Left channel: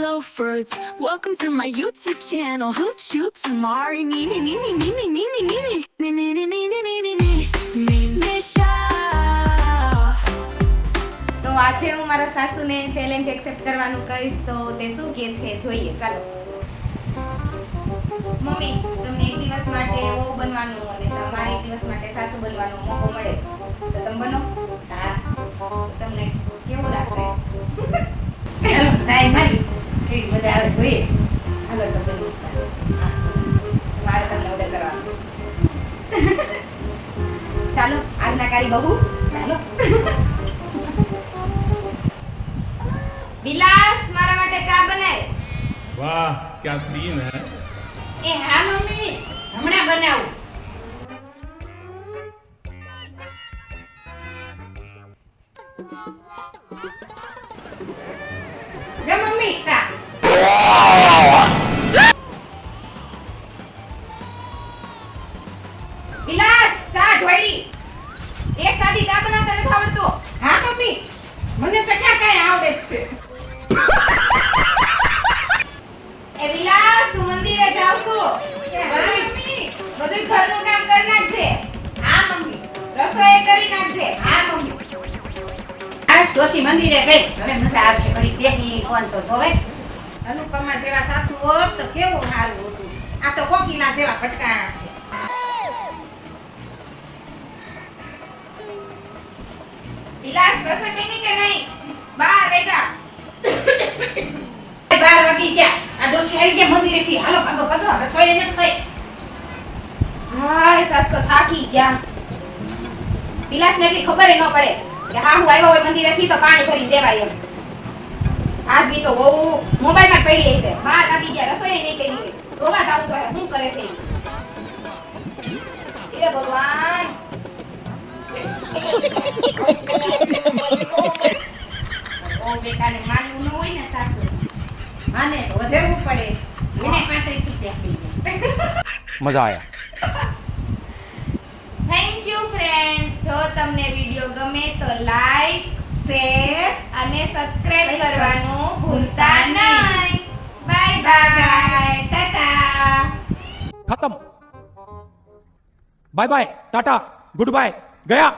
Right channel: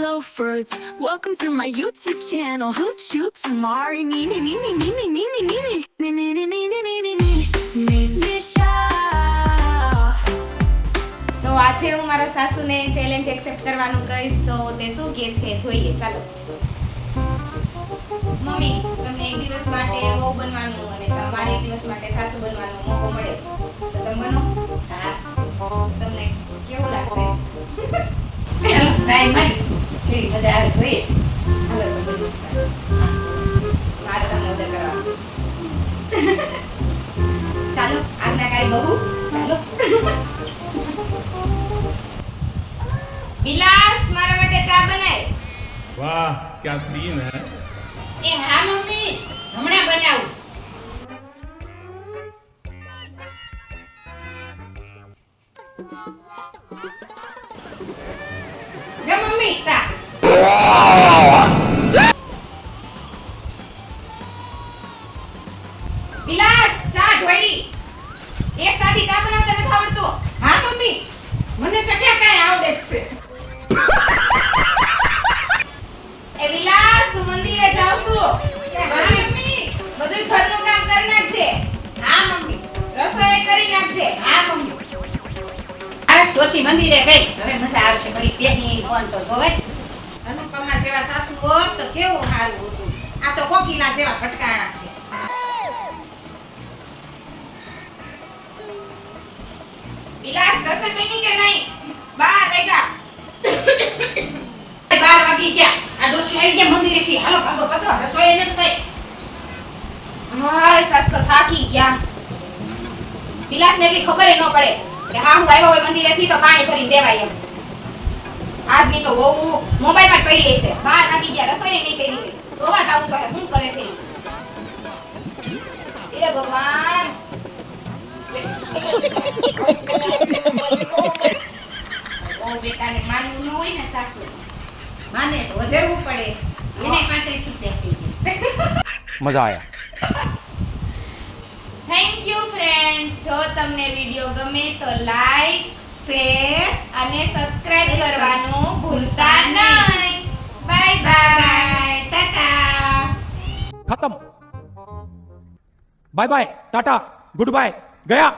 Hello Fruits, welcome to my YouTube channel. Hoot shoot tomorrow. Nee nee nee nee nee nee nee nee nee nee nee nee nee nee nee nee Nisha. તો આજે હું મારા સાસુને challenge accept કરવાનું કહીશ તો તે શું કહે છે જોઈએ. ચાલો મમ્મી, તમને એક દિવસ માટે વહુ બનવાનું અને તમારે એક દિવસ માટે સાસુ બનવાનો મોકો મળે તો તમે બનો? હા, તમને કેવું લાગશે? ચાલો ટ્રાય મારી કેવી મજા આવે જોઈએ. હાલો તો બનો. ચાલો મારે તમને ઓર્ડર કરવાનો. ચાલો આજ્ઞાકારી બહુ. ચાલો વિલાસ, મારા માટે ચા બનાય. वाह क्या सीन है। એ હા મમ્મી, હમણાં બનાવું. લે મમ્મી ચા. વિલાસ, ચા ઢોળી. એક સાદી ચા બનાવતા નથી આવડતું. હા મમ્મી, મને તો ક્યાં કાંઈ આવડે જ છે. એ વિલાસ, હું મંદિરે જાઉં છું. બધું ઘરનું કામ કરી નાખજે. હા મમ્મી. રસોઈ કરી નાખજે. હા મમ્મી. આજ ડોશી મંદિરે ગઈ, હવે મજા આવશે. ઘડી બેટી ફોન તો જોવે. અનુપમા જેવા સાસુ હોત તો કેવું સારું હતું. આ તો કોકિલા જેવા ફટકારા છે. વિલાસ, રસોઈ બની કે નહીં? 12 વાગ્યા. 12 વાગી ગયા. આ ડોશી આવી ગયા મંદિરેથી. હાલો ભાગો ભાગો, રસોઈ એને થઈ. હાય, સાસ તો થાકી ગયા. વિલાસને એટલી ખબર ન પડે કે હા હું આવ્યો હોય મંદિરેથી તો પાણી ભરી દેવાય એમ. આજની તો બહુ મોબાઈલમાં જ પડી છે. બહાર નાખી ગયા, રસોઈ નહીં કરી. જોવા જાવું જોઈએ શું કરે છે. એ ભગવાન. ઓ બેટાને માનવું ન હોય ને સાસુ. માને તો વધારવું પડે. એને 35 રૂપિયા થઈ ગયા. मजा आया। Thank you friends. જો તમને વિડિયો ગમે તો લાઈક, શેર અને સબસ્ક્રાઇબ કરવાનું ભૂલતા નહીં. Bye bye. Bye ta ta. खत्म। Bye bye ta ta goodbye गया।